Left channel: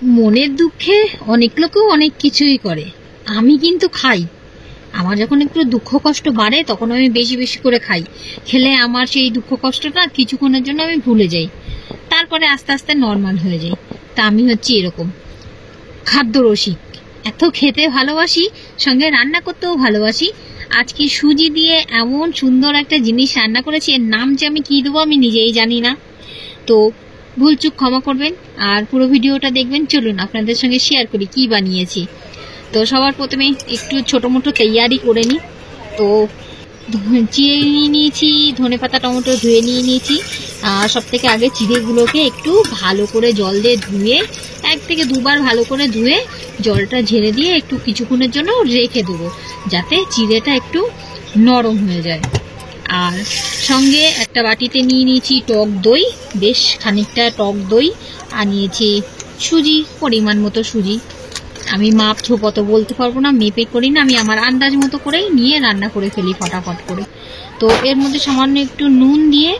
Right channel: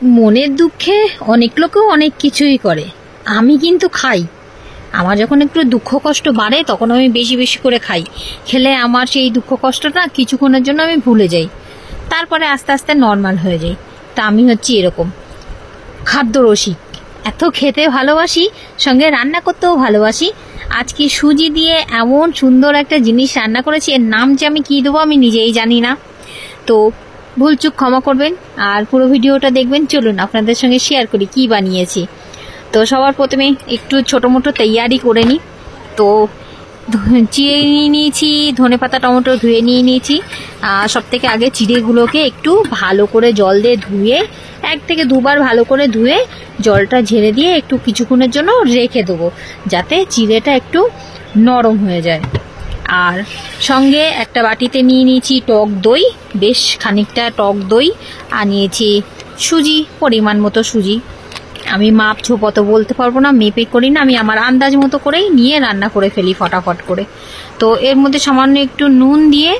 মনের দুঃখে অনেক লোকেও অনেক কিছুই করে, আমি কিন্তু খাই। আমার যখন একটু দুঃখ কষ্ট বাড়ে তখন আমি বেশি বেশি করে খাই। খেলে আমার সেই দুঃখ কষ্টটা কিছুক্ষণের জন্য আমি ভুলে যাই, তারপরে আস্তে আস্তে নর্মাল হয়ে যাই। তা আমি হচ্ছি এরকম খাদ্য রসিক, এত খেতে ভালোবাসি, সঙ্গে রান্না করতেও ভালোবাসি। আজকে সুজি দিয়ে এমন সুন্দর একটা জিনিস রান্না করেছি, এর নাম যে আমি কী দেবো আমি নিজেই জানি না, তো ভুলচুক ক্ষমা করবেন আর পুরো ভিডিওটা দেখবেন। চলুন আপনাদের সঙ্গে শেয়ার করি কি বানিয়েছি। তো সবার প্রথমে একটু ছোটো মোটো তৈয়ারি করে নিই। তো চিড়ে নিয়ে নিয়েছি, ধনেপাতা টমেটো ধুয়ে নিয়ে নিয়েছি। সব থেকে আগে চিড়েগুলোকে একটু ভালো করে জল দিয়ে ধুয়ে 1 থেকে 2 বার ভালো করে ধুয়ে জলটা ঝেড়ে দিয়ে একটু কিছুক্ষণের জন্য রেখে দেবো, যাতে চিড়েটা একটু নরম হয়ে যায়। আর সঙ্গে একটা বাটিতে নিয়ে নিয়েছি টক দই, বেশ খানিকটা টক দই, আর নিয়েছি সুজি, পরিমাণ মতো সুজি। আমি মাপ ঝোপ অত বলতে পারবো না, মেপে করি না, আমি আমার আন্দাজ মতো করেই নিয়ে রান্না করে ফেলি ফটাফট করে। তো এর মধ্যে সামান্য একটু নুন দিয়ে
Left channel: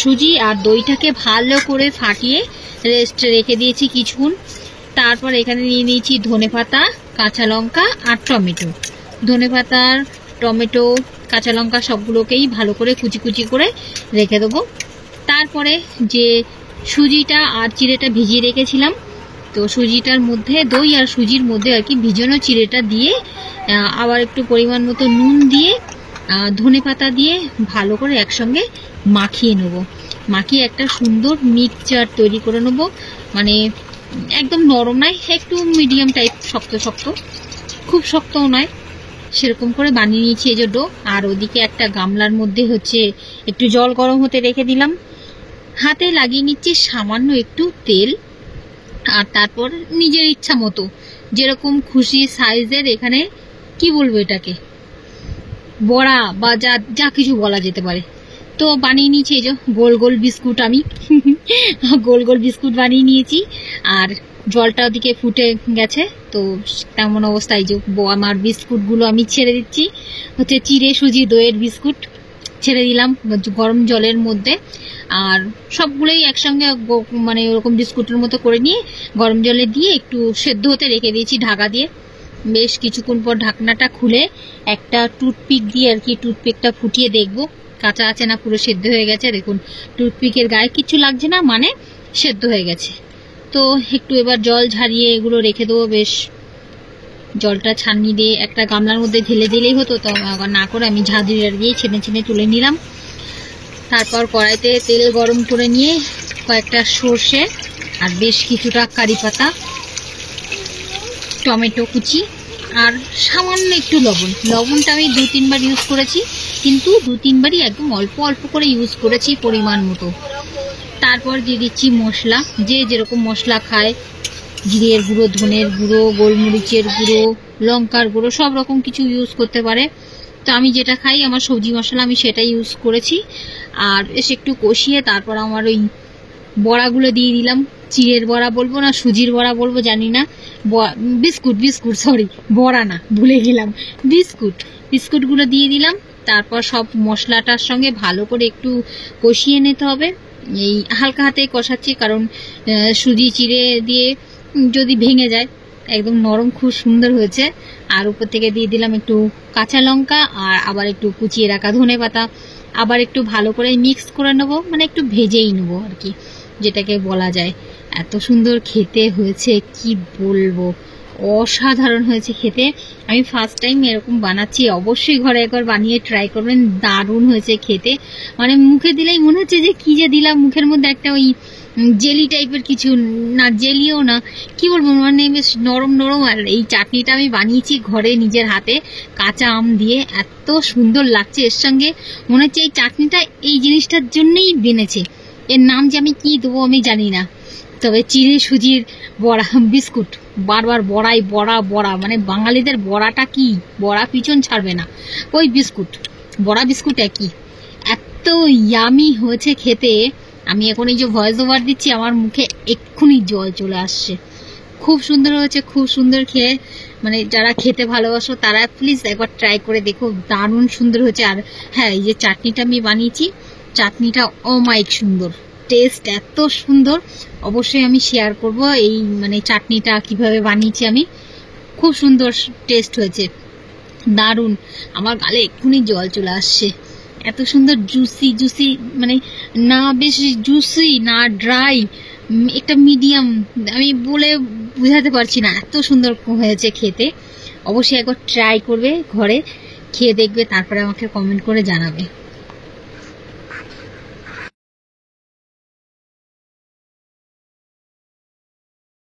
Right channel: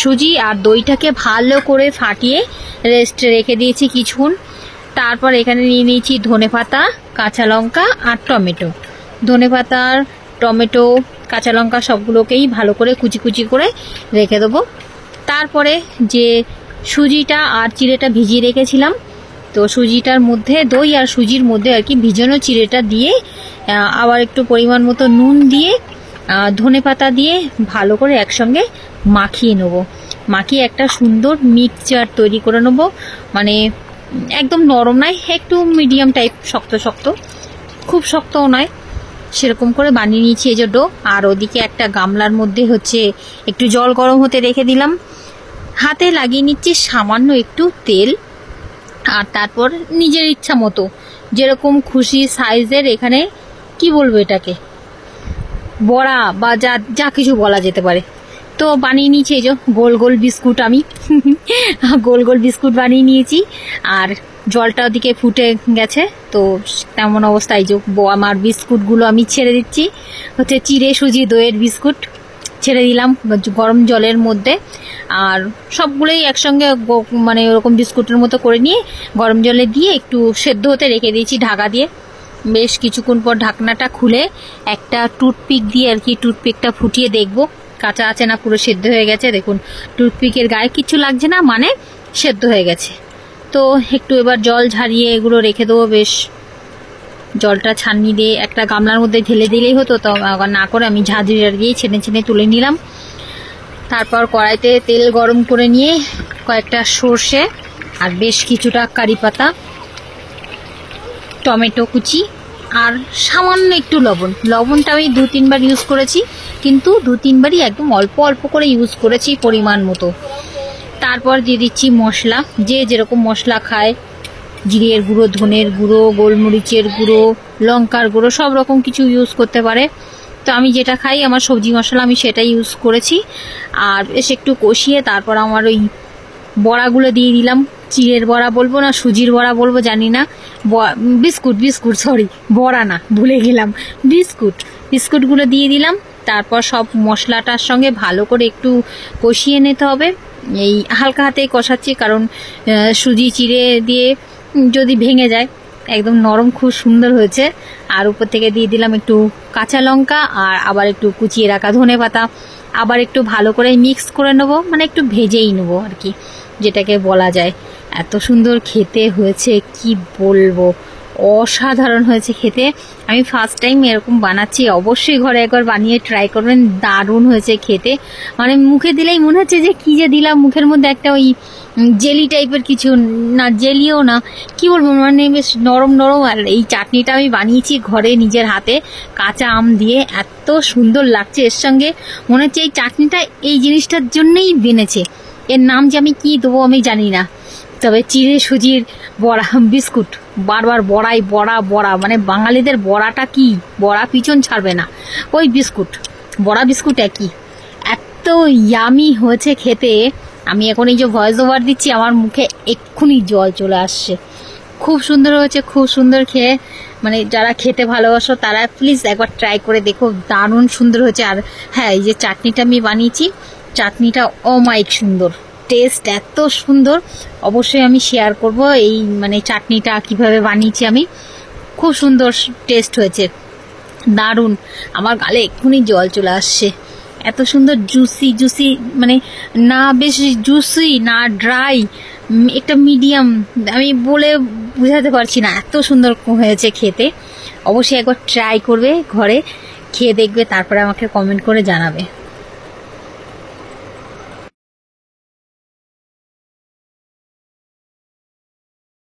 সুজি আর দইটাকে ভালো করে ফাটিয়ে রেস্ট রেখে দিয়েছি কিছুক্ষণ। তারপর এখানে নিয়ে নিয়েছি ধনেপাতা, কাঁচা লঙ্কা আর টমেটো। ধনেপাতা, টমেটো, কাঁচা লঙ্কা সবগুলোকেই ভালো করে কুচি কুচি করে রেখে দেবো। তারপরে যে সুজিটা আর চিড়েটা ভিজিয়ে রেখেছিলাম, তো সুজিটার মধ্যে, দই আর সুজির মধ্যে আর কি ভিজানো চিড়েটা দিয়ে আবার একটু পরিমাণ মতো নুন দিয়ে ধনেপাতা দিয়ে ভালো করে একসঙ্গে মাখিয়ে নেব। মাখিয়ে একটা সুন্দর মিক্সচার তৈরি করে নেব, মানে একদম নরম নয়, একটু মিডিয়াম টাইপ, শক্ত শক্ত, খুব শক্তও নয়, সেরকম করে বানিয়ে নিয়েছি এই যে ডো। আর ওদিকে একটা গামলার মধ্যে হচ্ছে একটু জল গরম হতে রেখে দিলাম। হাতে লাগিয়ে নিচ্ছি সামান্য একটু তেল, আর তারপর নিজের ইচ্ছা মতো যেরকম খুশি সাইজের, এখানে কি বলবো এটাকে, বড়া বা যা যা কিছু বলা যেতে পারে, তো বানিয়ে নিয়েছি এই যে গোল গোল বিস্কুট। আমি গোল গোল বিস্কুট বানিয়ে নিয়েছি। আর জলটা ওদিকে ফুটে গেছে, তো তেমন অবস্থায় যে আমার বিস্কুটগুলো আমি ছেড়ে দিচ্ছি, হচ্ছে চিড়ে সুজি দইয়ের বিস্কুট ছেড়ে দিলাম গরম জলের মধ্যে। আর সবগুলোই একসঙ্গে মানে ওরকম বিস্কুটের মতো করে নিয়ে গরম জলে দিয়ে একটু সেদ্ধ হতে রেখে দিয়েছি ঢাকা দিয়ে। বেশ কিছুক্ষণ পর ঢাকনাটা খুলে একটা টুথপিক দিয়ে আর কি টুথপিকটা ফুটিয়ে দেখবো কাঁচা আছে না পুরো সেদ্ধ হয়ে গেছে। দেখুন টুথপিকের গায়ে কিছু লাগছে না, মানে সেদ্ধ হয়ে গেছে। তো একটু এবার জল ঝারিয়ে এগুলো রেখে দেবো। বেশ জলটা ছাঁকনি দিয়ে একটা গামলার মধ্যে ঢেলে দিলেই হতো, তো না করে আমি ঝাঁঝরি দিয়ে ছেনে ছেনে তুলে নিলাম। তারপর কড়াইতে তেল গরম করে নিয়ে কয়েকটা সর্ষে আর বেশ কিছুটা কারি পাতা, টমেটো কুচি আর সামান্য একটু লবণ। লবণটা আমি 2-3 বার ইউজ করেছি, কিন্তু 2-3 বারই একদম অল্প অল্প করে ইউজ করেছি পরিমাণ মতো। তারপর দিয়ে দিচ্ছি মশলা, যে যেরকম মশলা খায়, জিরের গুঁড়ো, ধনের গুঁড়ো, গোলমরিচের গুঁড়ো, লঙ্কার গুঁড়ো, সব রকম কিছু ইউজ করতে পারে। তো আমি যেটা খাই, আমার সবজি মশলা, আমি সেটা ইউজ করেছি। আর বেশ একটু কষিয়ে তারপর আমার ওই বড়াগুলো দিয়ে দিলাম। চিড়ের বড়া বলবো না সুজির বড়া বলবো জানি না, বিস্কুট সরি, বড়া না, ভুলে গেলাম, বিস্কুটগুলো দিয়ে দিলাম। তারপর সব মশলাটার সঙ্গে ভালো করে একটু কষিয়ে নিতে হবে। এই হালকা হাতেই কষাচ্ছি, কারণ সুজি চিড়ে দিয়ে যদি ভেঙে যায়, একদম নরম খুব সুন্দর হয়েছে। আর উপর থেকে দিয়ে দিলাম একটু কাঁচা লঙ্কা আর আবার একটু কুচিয়ে রাখা ধনেপাতা। আবার একটু ভালো করে মিক্স করে নেবো, মানে একটু ভেজেই নেবো আর কি, যেটাকে বলা যায়। এত সুন্দর খেতে হয়েছে কি বলবো, অসাধারণ হয়েছে খেতে। আমি ফার্স্ট টাইম এরকম বানাচ্ছি, অবশ্যই ঘরে একবার বানিয়ে ট্রাই করবেন, দারুণ হয়েছে খেতে। মানে মুখে দিলেই মনে হচ্ছে যে কি যে দিলাম মুখের মধ্যে, একটা ওই জেলি টাইপের কিছু না, জেলিও না, কি বলবো, মানে বেশ নরম নরম। আর এই চাটনিটা আমি বানিয়েছি ঘরে নিজের হাতে, কাঁচা আম দিয়ে, এত সুন্দর লাগছে। এর সঙ্গে মনে হচ্ছে এই চাটনিটা এই জিনিসটার জন্যই বেনেছে। এর নাম যে আমি কি দেবো আমি জানি না, তবে চিড়ে সুজির বড়া বিস্কুট, বারবার বড়াই বড়া বড়া, মানে বাঙালিদের বড়াটা কি, বড়া পিছন ছাড়বে না, ওই বিস্কুট, বড়া বিস্কুট একই। এত ইয়ামি হয়েছে খেতে, আমি এখন এই যে ভয়েস ওভার দিচ্ছি, আমার মুখে এক্ষুনি জল চলে আসছে। খুব সুন্দর হয়েছে, খুব সুন্দর খেয়ে, মানে যারা খেতে ভালোবাসো তারা প্লিজ একবার ট্রাই করে দেখো, দারুণ সুন্দর হয়েছে। আর হ্যাঁ, এই যে চাটনিটা আমি বানিয়েছি, চাটনিটা অমায়িক সুন্দর, টেস্ট এত সুন্দর, অবশ্যই আমি শেয়ার করব এই মানে চাটনিটা কিভাবে বানিয়েছি আমি। খুব সুন্দর টেস্ট হয়েছে, দারুণ। আমার গালে এক্ষুনি জল চলে আসছে, এত সুন্দর জুসি জুসি, মানে না বেশি জুসি না ড্রাই, একটা মিডিয়াম, আমি বলে বুঝাতে পারছি না, এত সুন্দর হয়েছে খেতে। অবশ্যই একবার ট্রাই করবে, ঘরে খেয়ে দেখবে, তারপরে আমাকে কমেন্ট করে জানাবে।